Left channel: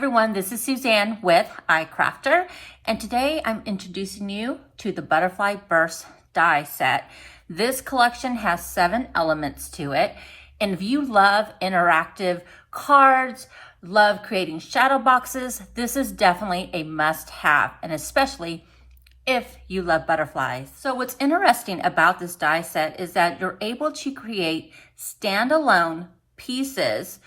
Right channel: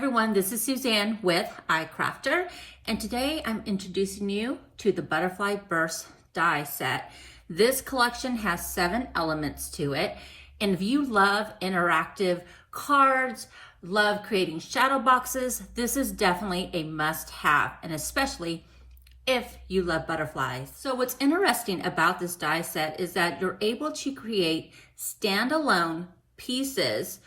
everyone, this is Suzanne with iCrafter, and today I'm introducing you to the Butterfly Burst die set. This collection has 7 elements to it, and if you love interactive cards, love creating shadow boxes, this is definitely a must-have, and especially if you love butterflies. So what's interesting about this die set is that you're able to create standalone pieces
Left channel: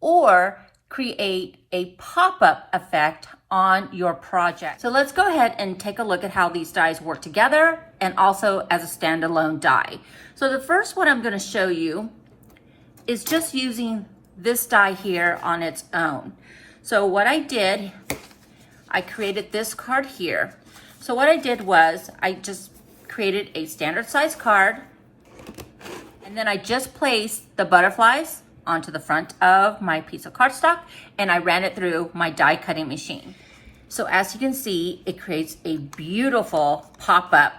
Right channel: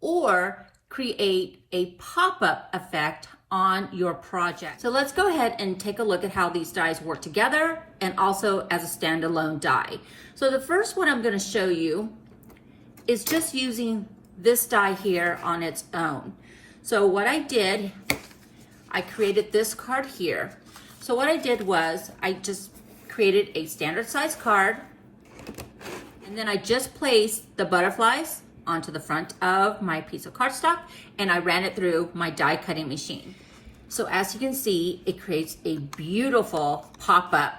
or create a pop-up effect on your project. So let's go ahead and take a look at how these dies work together and also as a standalone die. So the first one I'm going to show you is just using this die here on its own. So what I did, I created this card here. So what I did was I just created a standard size card, and then I just placed the butterflies onto the front of my piece of cardstock, and I ran it through my die cutting machine. So as you can see, it creates a beautiful pop-up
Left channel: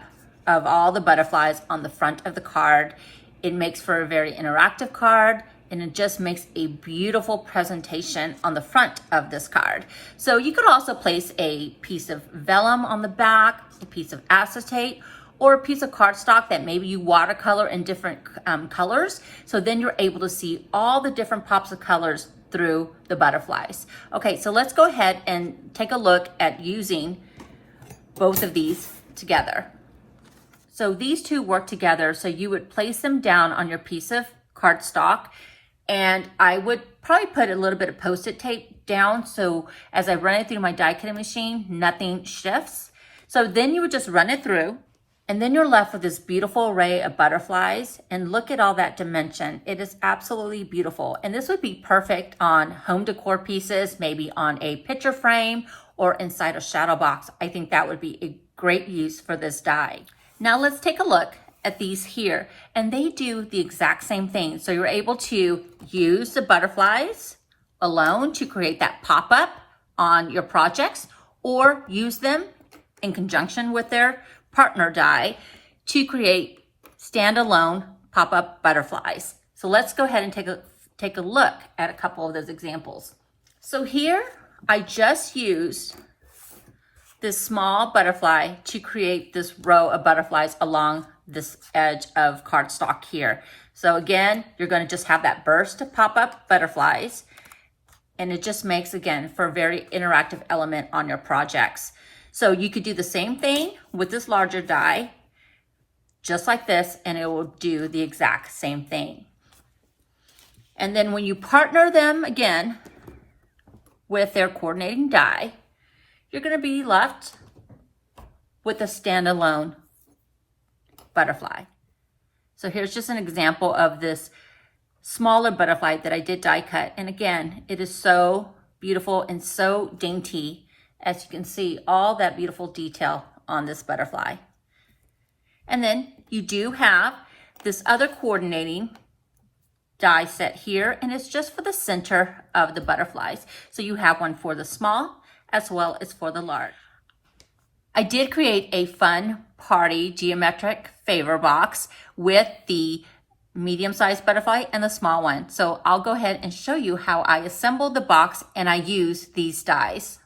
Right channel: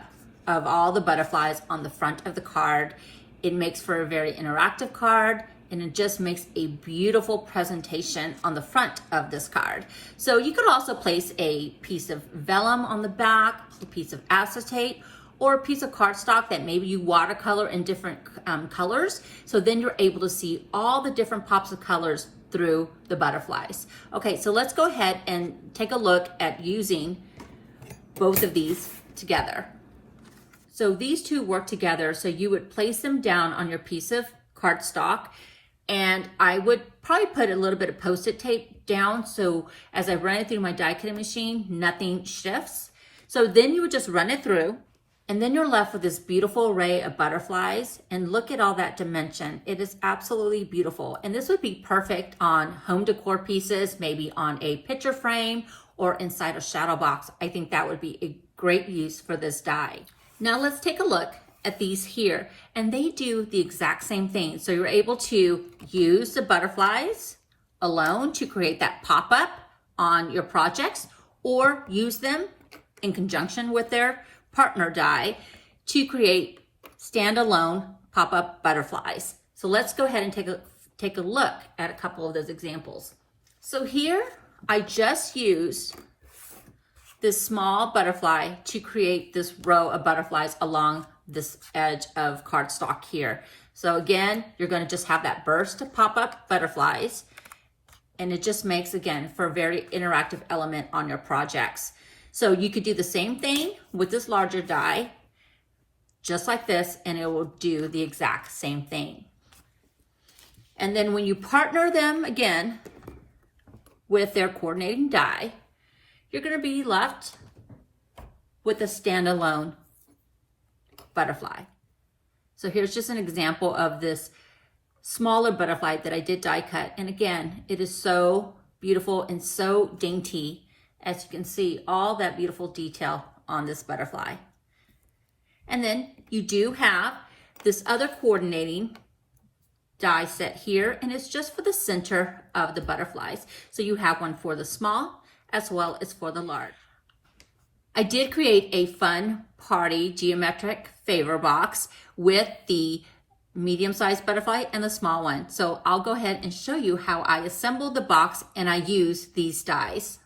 of all the butterflies on the front of the card. It makes for a very interactive card, and it just makes a beautiful presentation on the front of this card. So you could also place a piece of vellum on the back, a piece of acetate, or a piece of cardstock that maybe you watercolor in different colors. So then you're able to see all the different pops of colors through the butterflies. Okay, so let's go ahead and take a look at using both of these together. So these two work together. So you would place them down on your piece of cardstock, and I would probably put a little bit of Post-it tape down. So as I run it through my die cutting machine, nothing shifts. So then you would just run it through, and then you're left with this beautiful array of butterflies, and look at all that dimension. It is absolutely beautiful. And this would be perfect on home decor pieces, maybe on a picture frame or inside a shadow box. I think that would be a great use for this die. Now let's take a look at these here, and they do the exact same thing. So you're able to use the butterflies alone to create that pop-up on your projects, or use them in conjunction with their partner die to create standalone pop-up butterflies. So let's go ahead and take a look at a couple of those examples. So here I just used this small butterfly to create this row of butterflies along this edge of cardstock here. So again, you're going to just have that burst of pop-up butterflies, and it just makes, again, for a very interactive element on your projects. So you could do the same thing with this larger die, just like this, and it will do the exact same thing. And then when you partner them again with their coordinating die, you're going to be left with a standalone butterfly. So here's just an example of this smaller butterfly that I did die cut. And again, it is so beautiful and so dainty. As you can see, all that beautiful detail on this butterfly. And then you do have this other coordinating die set here, and it's just for the center of the butterflies. So you have one for the small as well as for the large. I did create a fun party geometric favor box with the medium-sized butterfly and the small one. So I'll go ahead and show you how I assembled the box and I used these dies.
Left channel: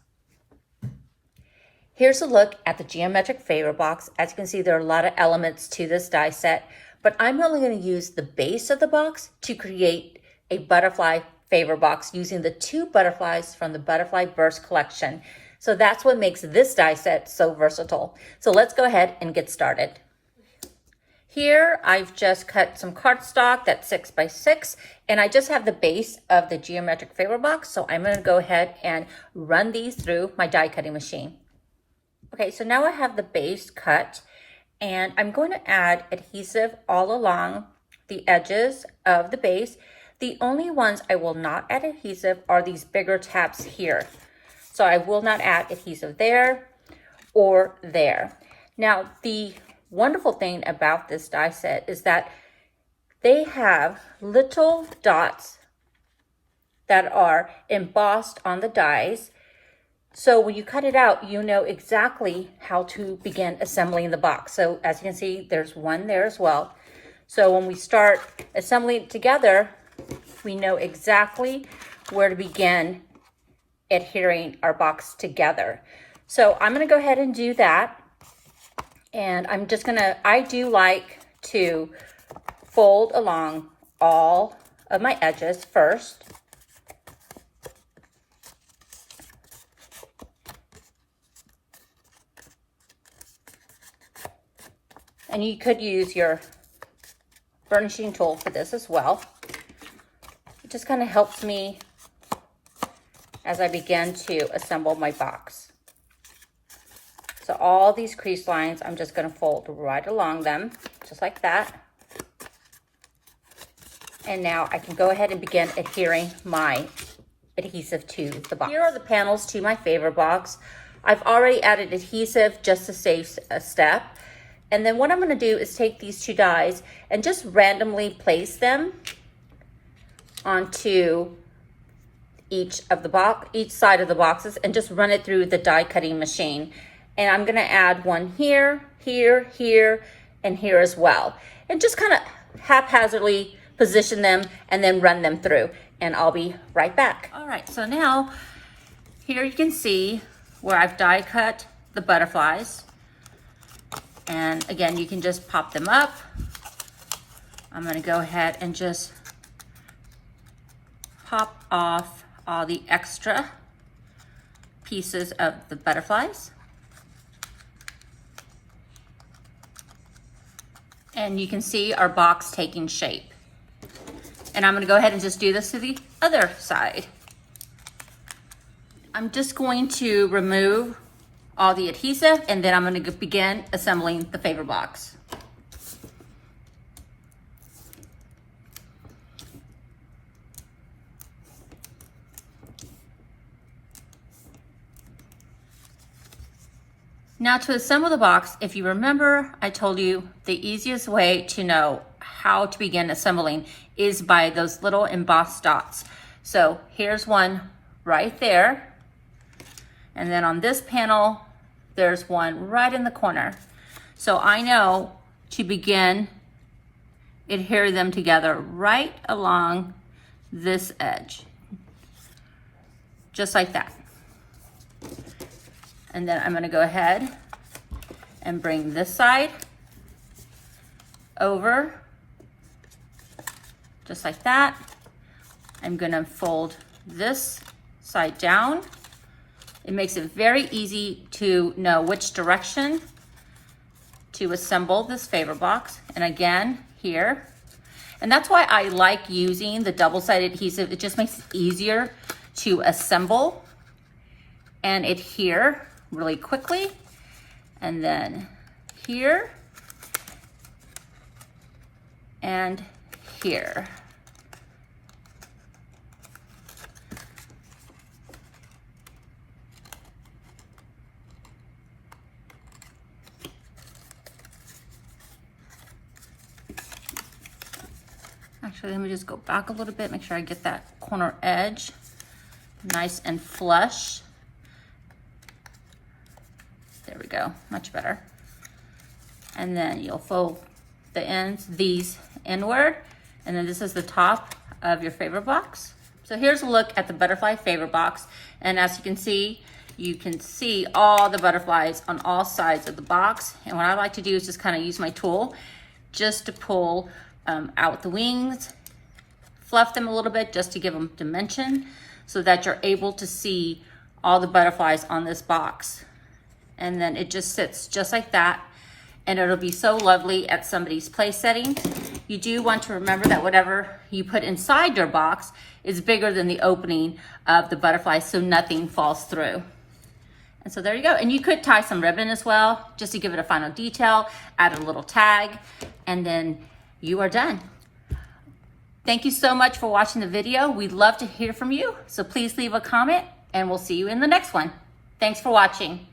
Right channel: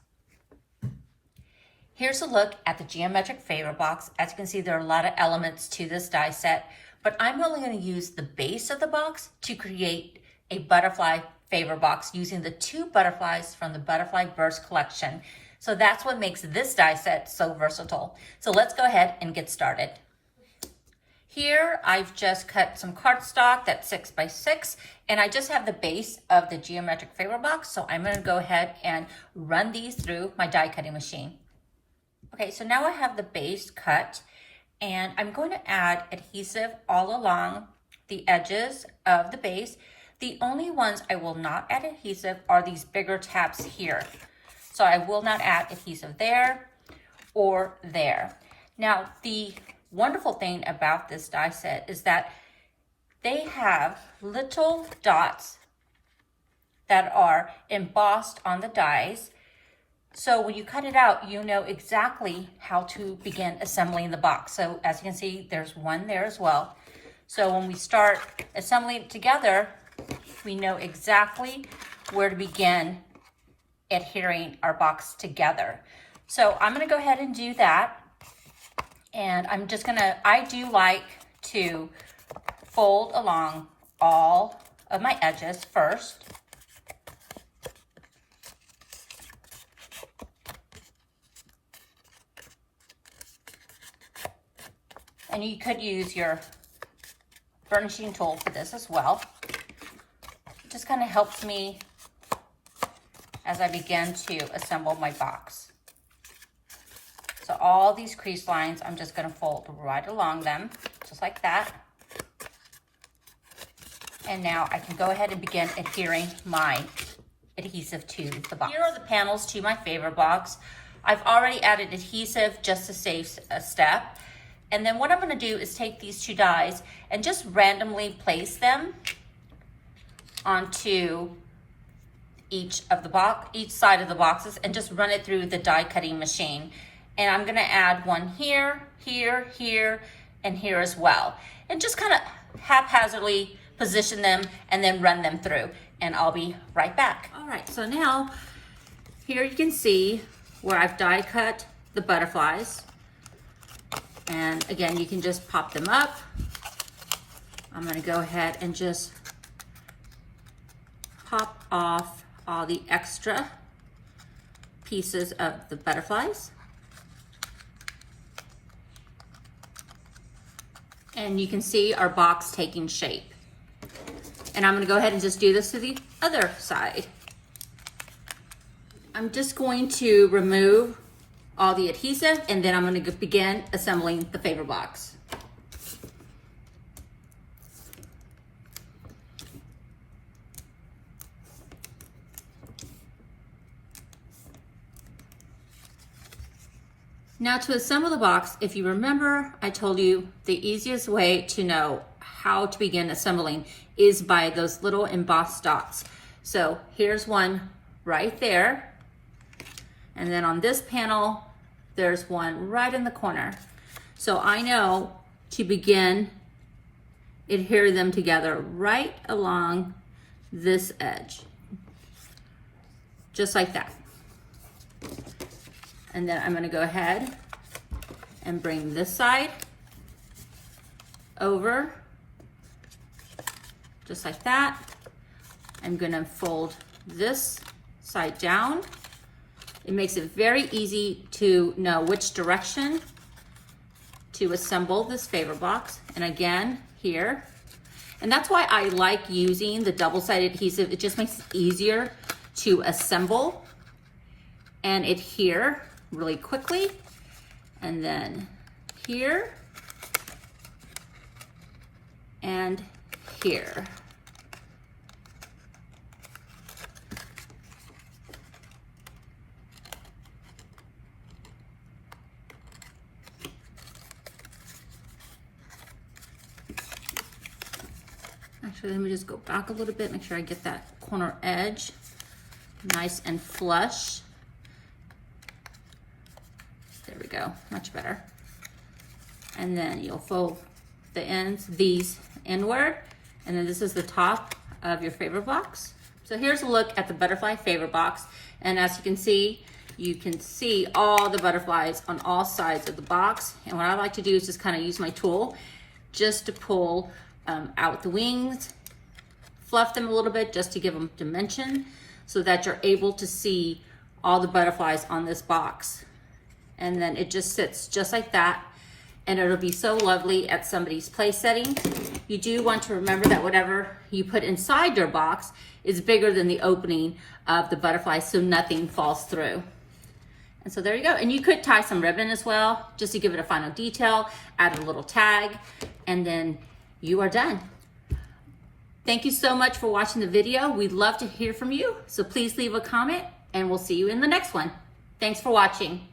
Here's a look at the geometric favor box. As you can see, there are a lot of elements to this die set, but I'm only going to use the base of the box to create a butterfly favor box using the 2 butterflies from the Butterfly Burst collection. So that's what makes this die set so versatile. So let's go ahead and get started. Here, I've just cut some cardstock that's 6 by 6, and I just have the base of the geometric favor box. So I'm going to go ahead and run these through my die cutting machine. Okay, so now I have the base cut, and I'm going to add adhesive all along the edges of the base. The only ones I will not add adhesive are these bigger tabs here. So I will not add adhesive there or there. Now, the wonderful thing about this die set is that they have little dots that are embossed on the dies. So when you cut it out, you know exactly how to begin assembling the box. So as you can see, there's one there as well. So when we start assembling it together, we know exactly where to begin adhering our box together. So I'm gonna go ahead and do that. And I do like to fold along all of my edges first. And you could use your burnishing tool for this as well. It just kind of helps me as I begin to assemble my box. So all these crease lines, I'm just gonna fold right along them, just like that. And now I can go ahead and begin adhering my adhesive to the box. Here are the panels to my favor box. I've already added adhesive just to save a step. And then what I'm gonna do is take these two dies and just randomly place them onto each side of the boxes and just run it through the die cutting machine. And I'm gonna add one here, here, here, and here as well. And just kind of haphazardly position them and then run them through. And I'll be right back. All right, so now here you can see where I've die cut the butterflies. And again, you can just pop them up. I'm gonna go ahead and just pop off all the extra pieces of the butterflies. And you can see our box taking shape. And I'm gonna go ahead and just do this to the other side. I'm just going to remove all the adhesive, and then I'm going to begin assembling the favor box. Now to assemble the box, if you remember, I told you the easiest way to know how to begin assembling is by those little embossed dots. So here's one right there. And then on this panel, there's one right in the corner. So I know to begin adhere them together right along this edge, just like that. And then I'm gonna go ahead and bring this side over, just like that. I'm gonna fold this side down. It makes it very easy to know which direction to assemble this favor box. And again, here. And that's why I like using the double-sided adhesive. It just makes it easier to assemble and adhere really quickly. And then here and here. Actually, let me just go back a little bit, make sure I get that corner edge nice and flush. There we go, much better. And then you'll fold the ends, these inward, and then this is the top of your favor box. So here's a look at the butterfly favor box. And as you can see all the butterflies on all sides of the box. And what I like to do is just kind of use my tool just to pull out the wings, fluff them a little bit just to give them dimension so that you're able to see all the butterflies on this box. And then it just sits just like that, and it'll be so lovely at somebody's place setting. You do want to remember that whatever you put inside your box is bigger than the opening of the butterfly so nothing falls through. And so there you go. And you could tie some ribbon as well, just to give it a final detail, add a little tag, and then you are done. Thank you so much for watching the video. We'd love to hear from you. So please leave a comment and we'll see you in the next one. Thanks for watching.